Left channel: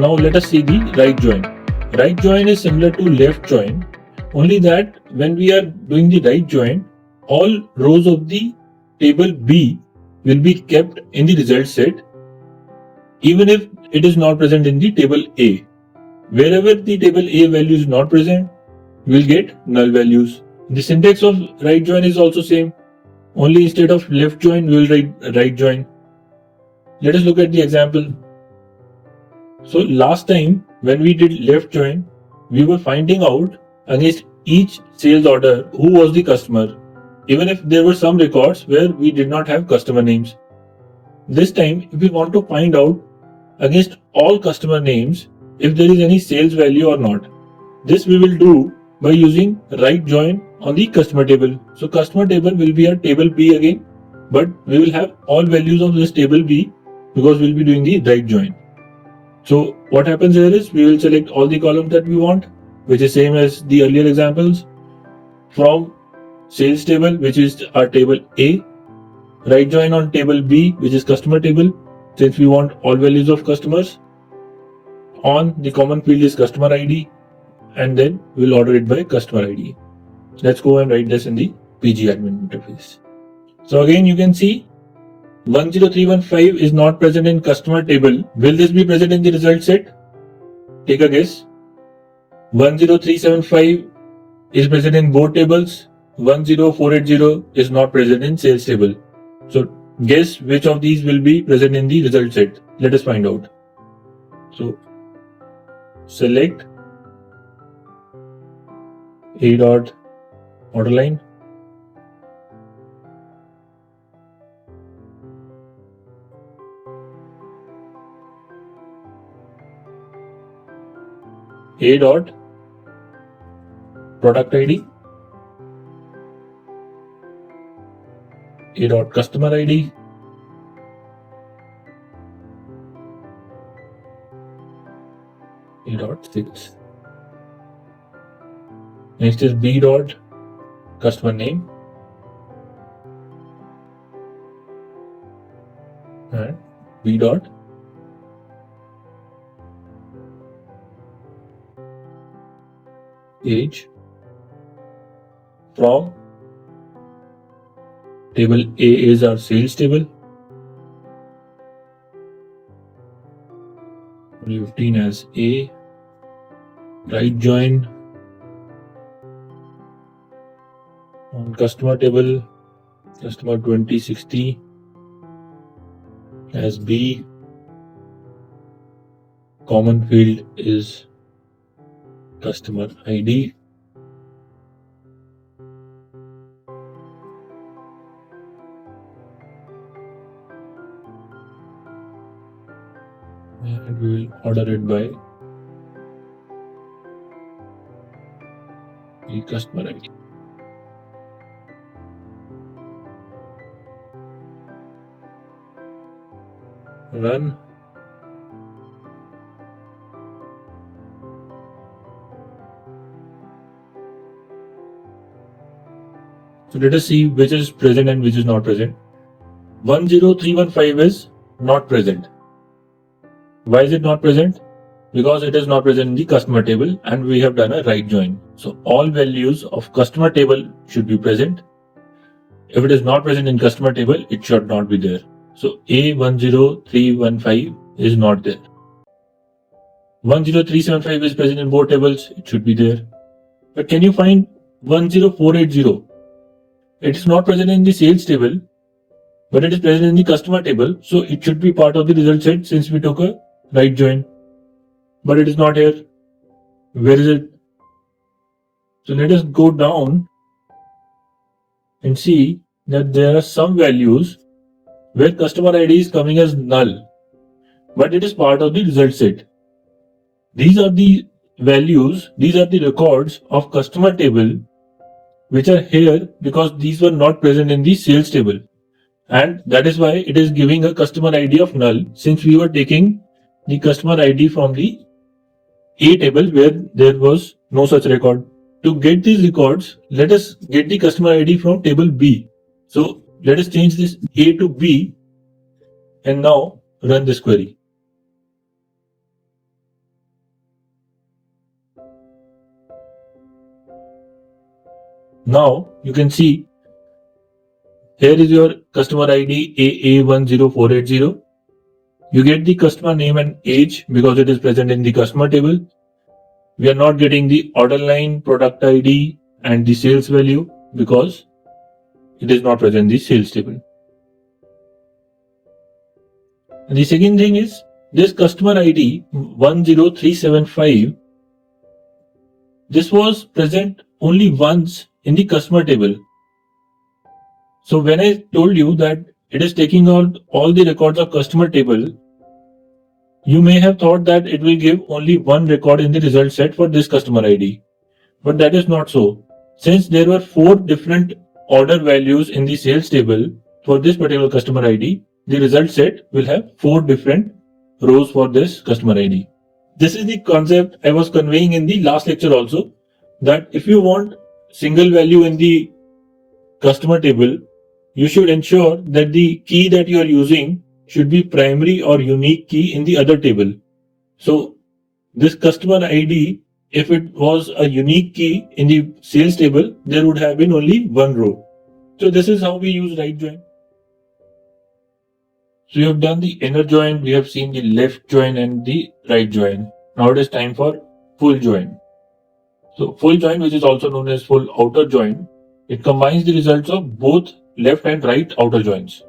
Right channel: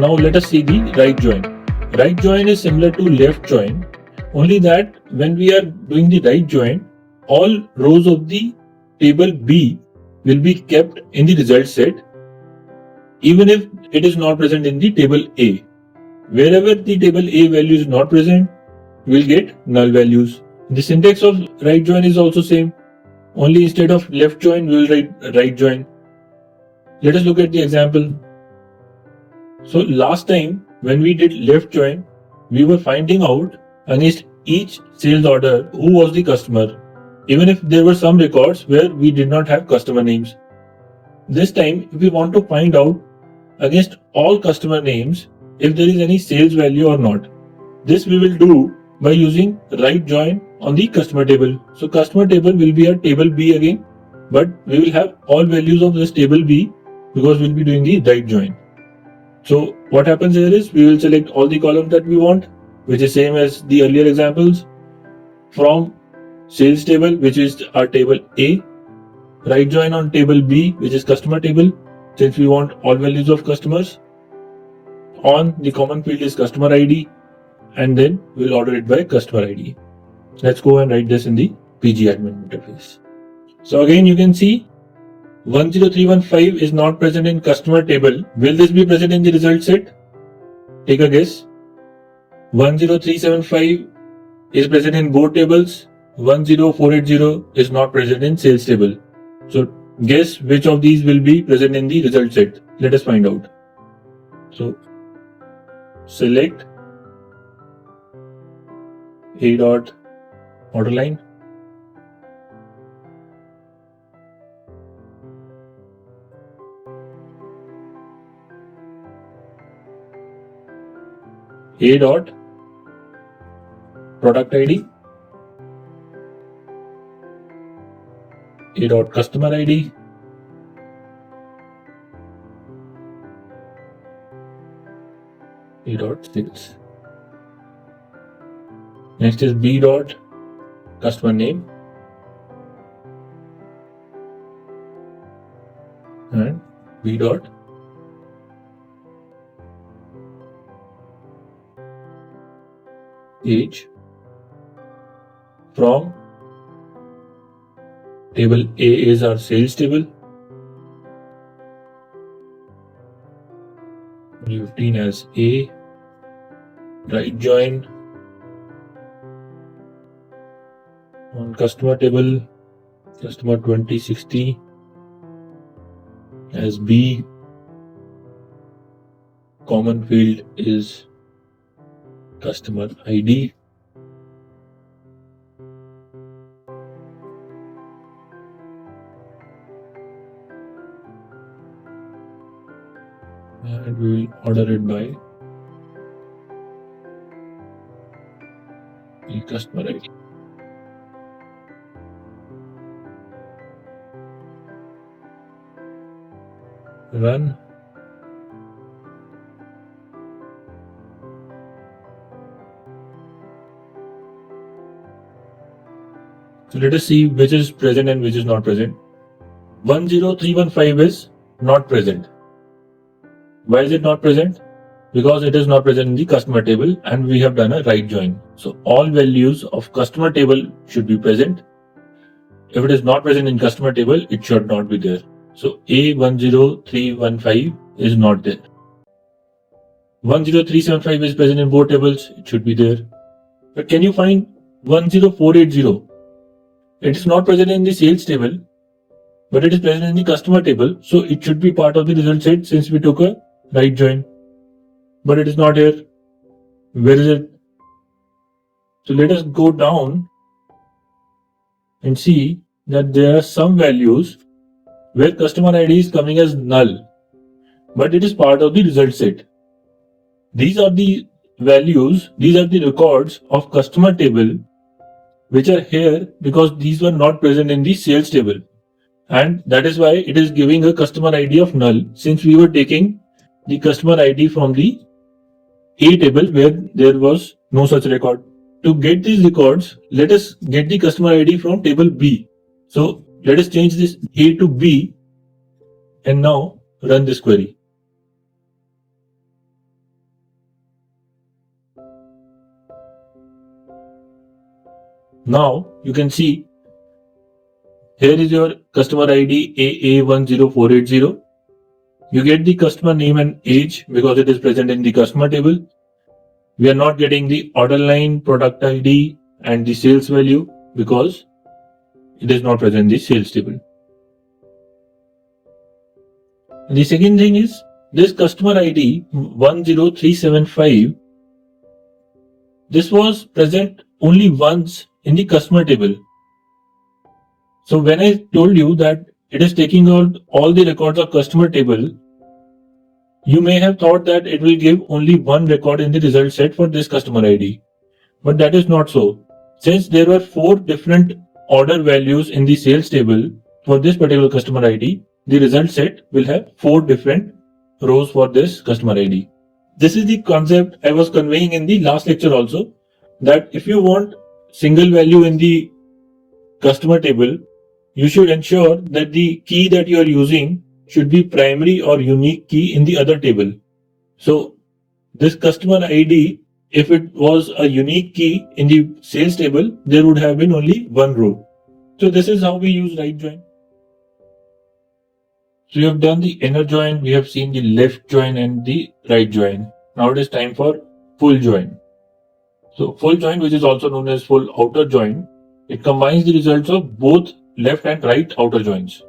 now let us see the right join. Right join is similar to left join, only that when we are doing the right join, all rows of the table B will be kept in the result set, even if it is not present in the table A. Wherever the table A value is not present, we will get null values. The syntax of right join is also same, only instead of left join, we will write right join. Let us look at the example. So last time when we did left join, we were finding out against each sales order who was the customer, even if there were some records where we did not have customer names. This time, if we want to find out against all customer names if there is any sales value or not, this we will do by using right join on the customer table. So customer table will be a table B again, but we will have all values of this table B because we will be doing the right join. So what happens here is we will select all the columns that we want, which is same as the earlier examples, from sales table, which is our table A, right join on table B, which is customer table, since we want all values of customers. On the common field is customer ID, and then we'll order it by customer ID. Let's go and write this in the PG admin interface. So again you can see 10315 is not present in customer table. Will this be present in the result set? Take a guess. 10375 is present in both tables. 10480 is not present in sales table. So guess which of these will be present in the result set. Let us find out. So select A dot order line. A dot product ID, A dot customer ID, A dot sales. Next is B dot customer name and B dot age. From table A is our sales table. 15 as A. Right join on customer table, customer 2060 as B. Common field is customer ID. And we will order it by the customer ID. Run. So let us see which is present and which is not present. 10315 is not present. Why is it not present? Because it is not present in the customer table and we have done a right join. So all values of customer table should be present. If it is not present in customer table, it should not be there. So A10315 is not there. 10375 is present in both tables, it should be there. But can you find 10480? It is not present in the sales table, but it is present in the customer table, so it should be part of the result set since we took a right join. But it is not here. Where is it? So let us go down and see that there are some values where customer ID is coming as null, but it is part of the result set. These are the values, these are the records of customer table which are here because these were not present in the sales table, and that is why it is giving a customer ID of null since we were taking the customer ID from the A table where there was no such record. To get these records, let us get the customer ID from table B. So let us change this A to B and now run this query. Now you can see here is your customer ID AA10480. You get the customer name and age because it is present in the customer table. We are not getting the order line, product ID and the sales value because it is not present in the sales table. The second thing is this customer ID 10375. This was present only once in the customer table. So when I told you that it is taking out all the records of customer table, you may have thought that it will give only one record in the result set for this customer ID. But that is not so. Since there were 4 different order values in the sales table for this particular customer ID, the result set will have 4 different rows for this customer ID. This is the concept I was conveying in the last lecture also, that if you want single value in the customer table, you should ensure that the key that you are using should be primary or unique key in the other table. So this customer ID, if it was a unique key in the sales table, there would have been only one row. So this is how we use right join. So we have done the inner join, we have seen the left join and the right join. Now it is time for full join. So full join, which is also known as full outer join, it combines the results of both left and right outer joins.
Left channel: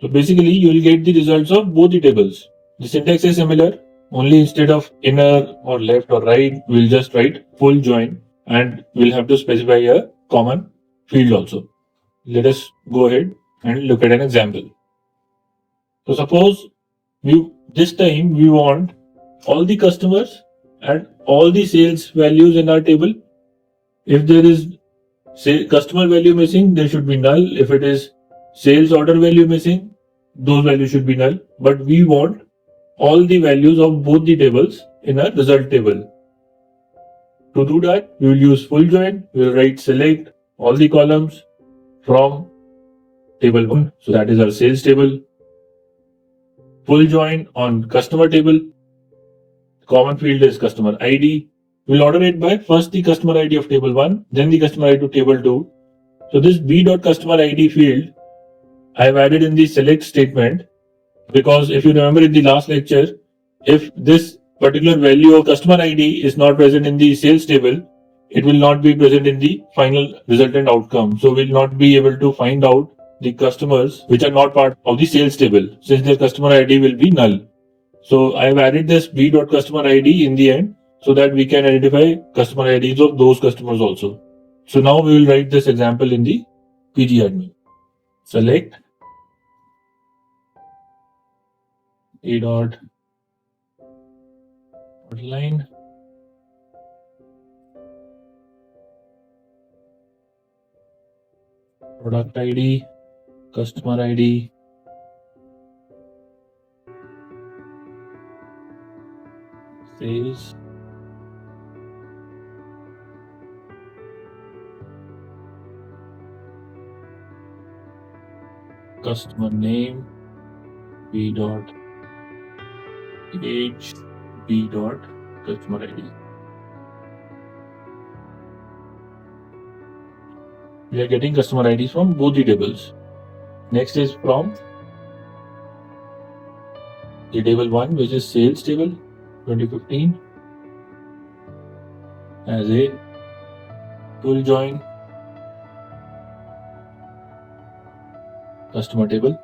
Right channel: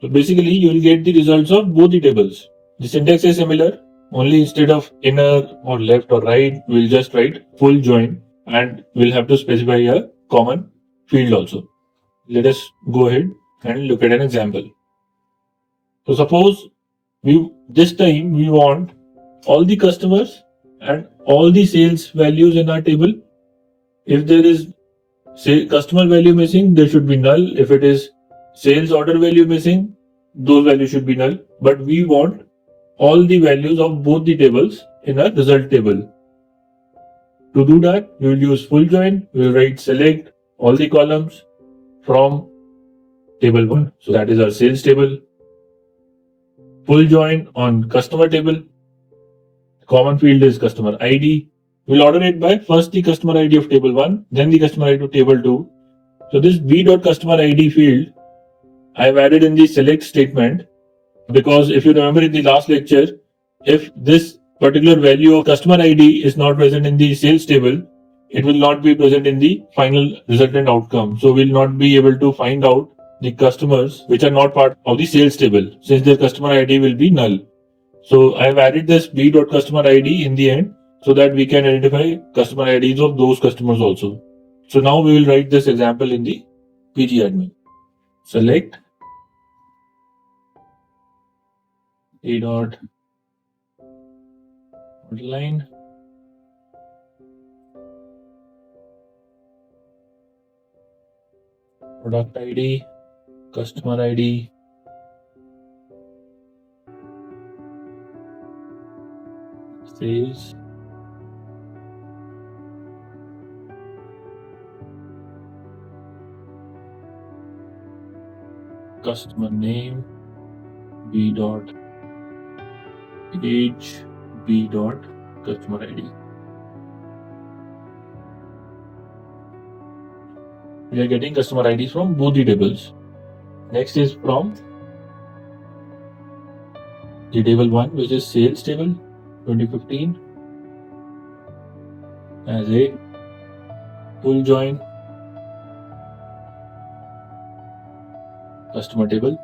So basically you will get the results of both the tables. The syntax is similar, only instead of inner or left or right, we'll just write full join and we'll have to specify a common field also. Let us go ahead and look at an example. So suppose this time we want all the customers and all the sales values in our table. If there is customer value missing, there should be null. If it is sales order value missing, those values should be null. But we want all the values of both the tables in a result table. To do that, we will use full join. We will write select all the columns from table 1. So that is our sales table. Full join on customer table. Common field is customer ID. We'll order it by first the customer ID of table 1, then the customer ID to table 2. So this b.customer ID field I have added in the select statement because if you remember in the last lecture, if this particular value of customer ID is not present in the sales table, it will not be present in the final resultant outcome. So we'll not be able to find out the customers which are not part of the sales table since their customer ID will be null. So I have added this b.customer ID in the end so that we can identify customer IDs of those customers also. So now we will write this example in the pgadmin. Select a dot line product ID, customer ID, sales, customer name, b dot age, b dot customer ID. We are getting customer IDs from both the tables. Next is from the table 1, which is sales table 2015 as a full join customer table.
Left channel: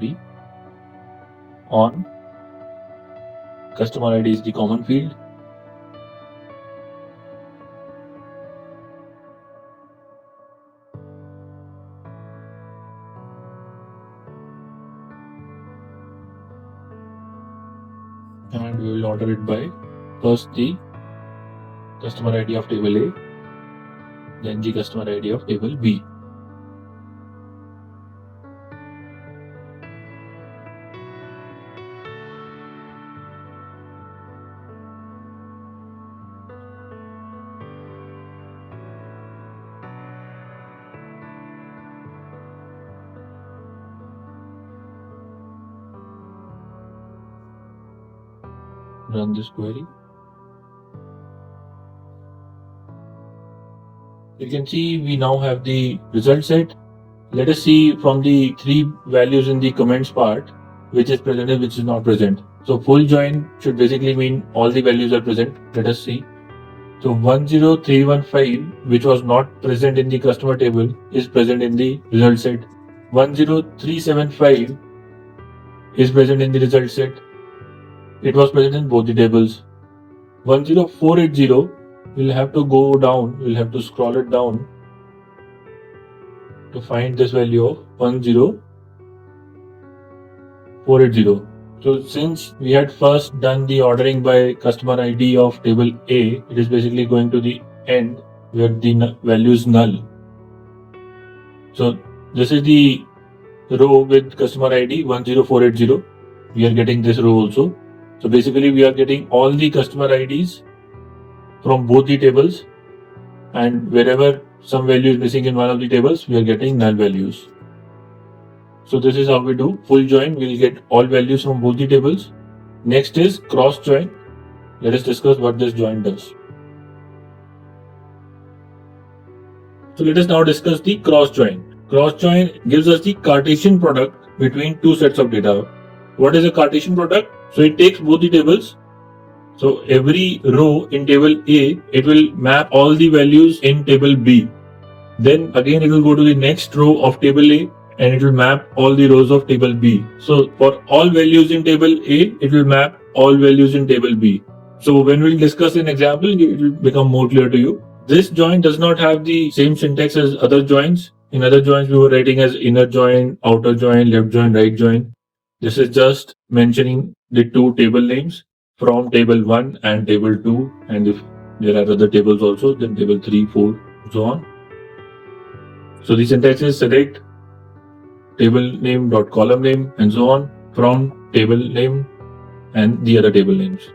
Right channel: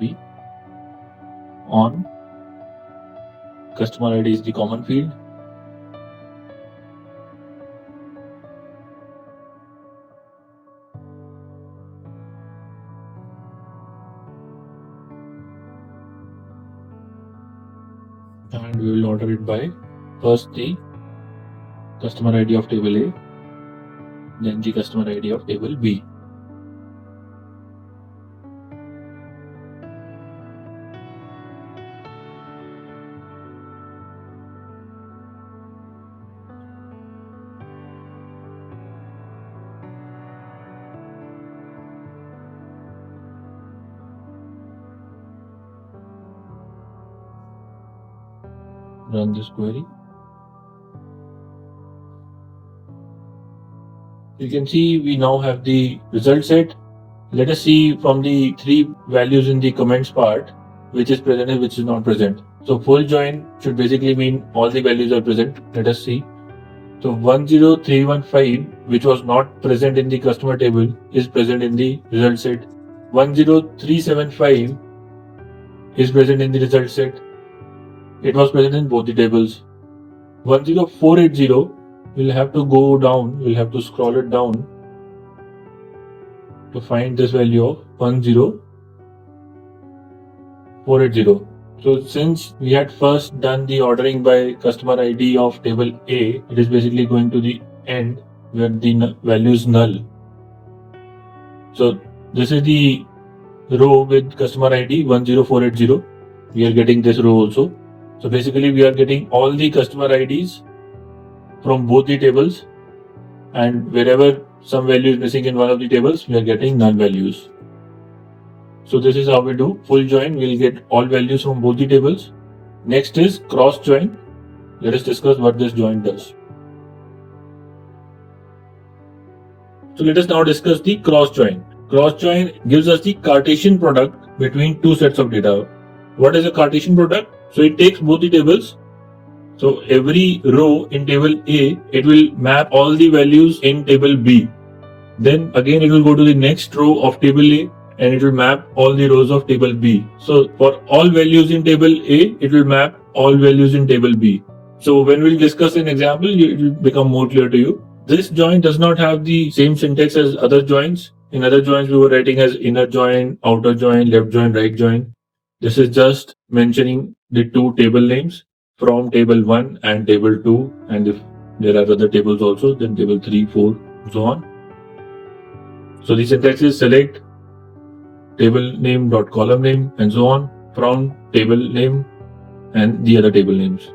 B on customer ID is the common field. And we will order it by first the customer ID of table A, then the customer ID of table B. Run this query. You can see we now have the result set. Let us see from the three values in the comments part, which is present and which is not present. So full join should basically mean all the values are present. Let us see. So 10315, which was not present in the customer table, is present in the result set. 10375 is present in the result set. It was present in both the tables. 10480, we'll have to go down, we'll have to scroll it down to find this value of 10480. So since we had first done the ordering by customer ID of table A, it is basically going to the end where the value is null. So this is the row with customer ID 10480. We are getting this row also. So basically we are getting all the customer IDs from both the tables, and wherever some value is missing in one of the tables, we are getting null values. So this is how we do full join. We'll get all values from both the tables. Next is cross join. Let us discuss what this join does. So let us now discuss the cross join. Cross join gives us the Cartesian product between two sets of data. What is a Cartesian product? So it takes both the tables. So every row in table A, it will map all the values in table B. Then again it will go to the next row of table A and it will map all the rows of table B. So for all values in table A, it will map all values in table B. So when we'll discuss an example, it will become more clear to you. This join does not have the same syntax as other joins. In other joins, we were writing as inner join, outer join, left join, right join. This is just mentioning the two table names from table 1 and table 2, and if there are other tables also, then table 3, 4, so on. So the syntax is select table name dot column name and so on from table name and the other table names.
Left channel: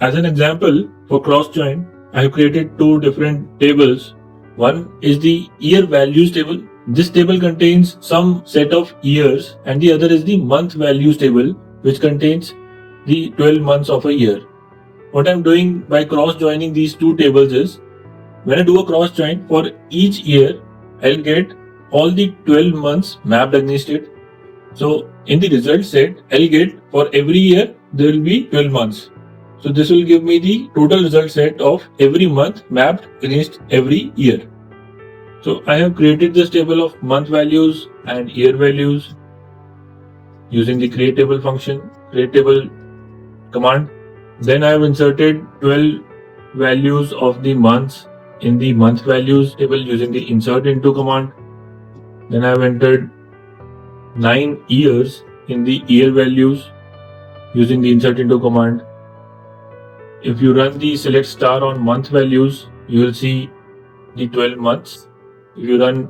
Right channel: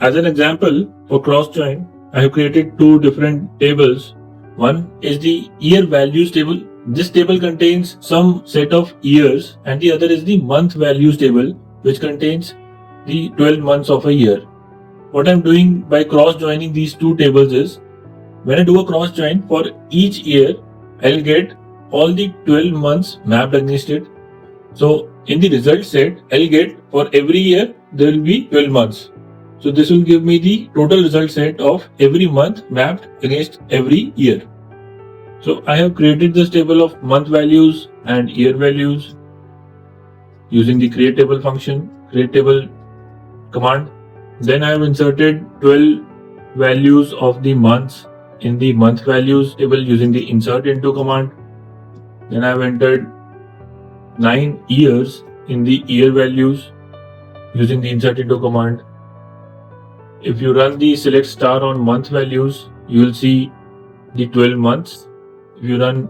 As an example for cross join, I have created two different tables. One is the year values table. This table contains some set of years, and the other is the month values table, which contains the 12 months of a year. What I'm doing by cross joining these two tables is, when I do a cross join for each year, I'll get all the 12 months mapped against it. So in the result set, I'll get for every year, there will be 12 months. So this will give me the total result set of every month mapped against every year. So I have created this table of month values and year values using the create table function, create table command. Then I have inserted 12 values of the months in the month values table using the insert into command. Then I have entered 9 years in the year values using the insert into command. If you run the select star on month values, you will see the 12 months. If you run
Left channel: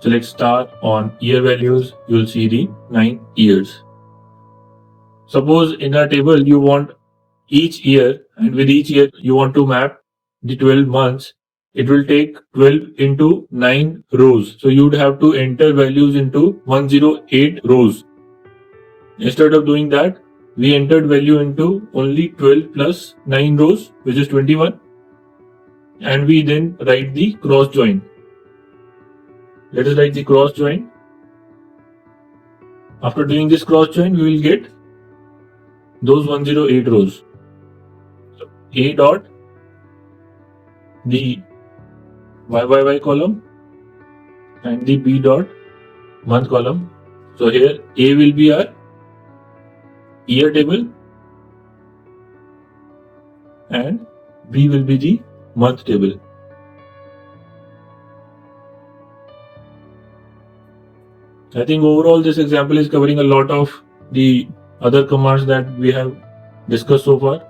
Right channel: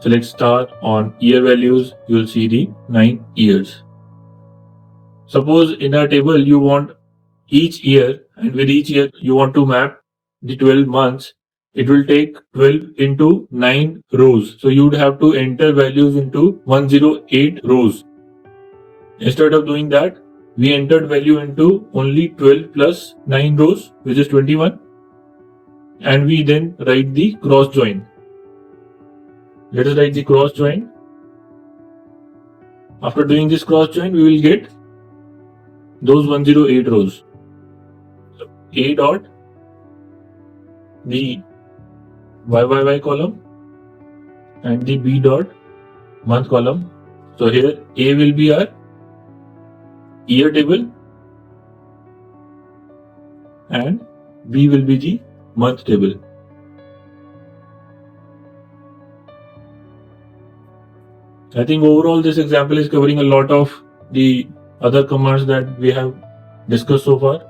select star on year values, you will see the 9 years. Suppose in a table you want each year, and with each year you want to map the 12 months, it will take 12 into 9 rows. So you would have to enter values into 108 rows. Instead of doing that, we entered value into only 12 plus 9 rows, which is 21, and we then write the cross join. Let us write the cross join. After doing this cross join, we will get those 108 rows. So A dot the YYY column and the B dot month column. So here A will be our year table and B will be the month table. I think overall this example is covering a lot of the other commands that we have discussed so far.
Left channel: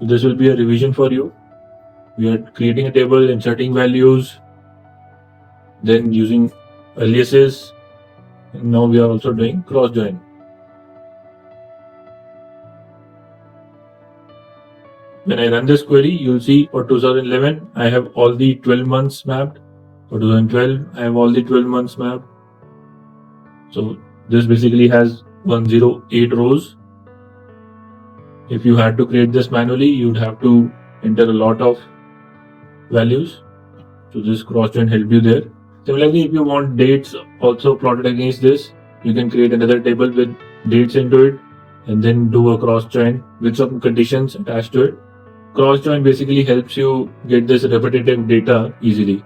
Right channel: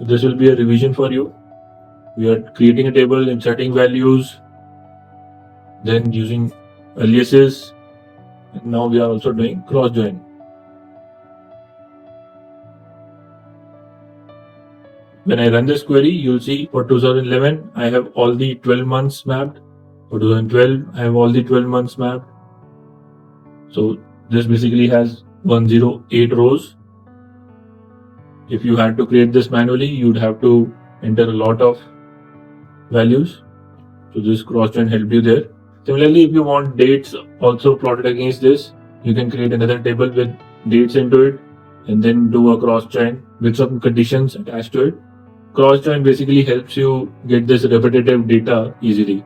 So this will be a revision for you. We are creating a table, inserting values, then using aliases, and now we are also doing cross join. When I run this query, you'll see for 2011, I have all the 12 months mapped. For 2012, I have all the 12 months mapped. So this basically has 108 rows. If you had to create this manually, you'd have to enter a lot of values. So this cross join help you there. Similarly, if you want dates also plotted against this, you can create another table with dates into it and then do a cross join with some conditions attached to it. Cross join basically helps you get this repetitive data easily.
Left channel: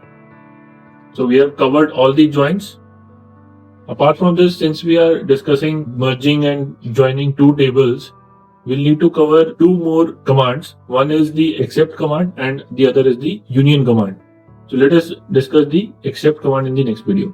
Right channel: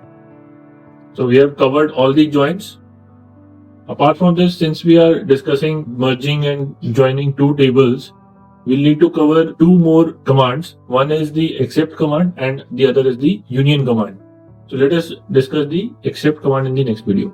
So we have covered all the joins. Apart from this, since we are discussing merging and joining two tables, we'll need to cover two more commands. One is the except command and the other is the union command. So let us discuss the except command in the next video.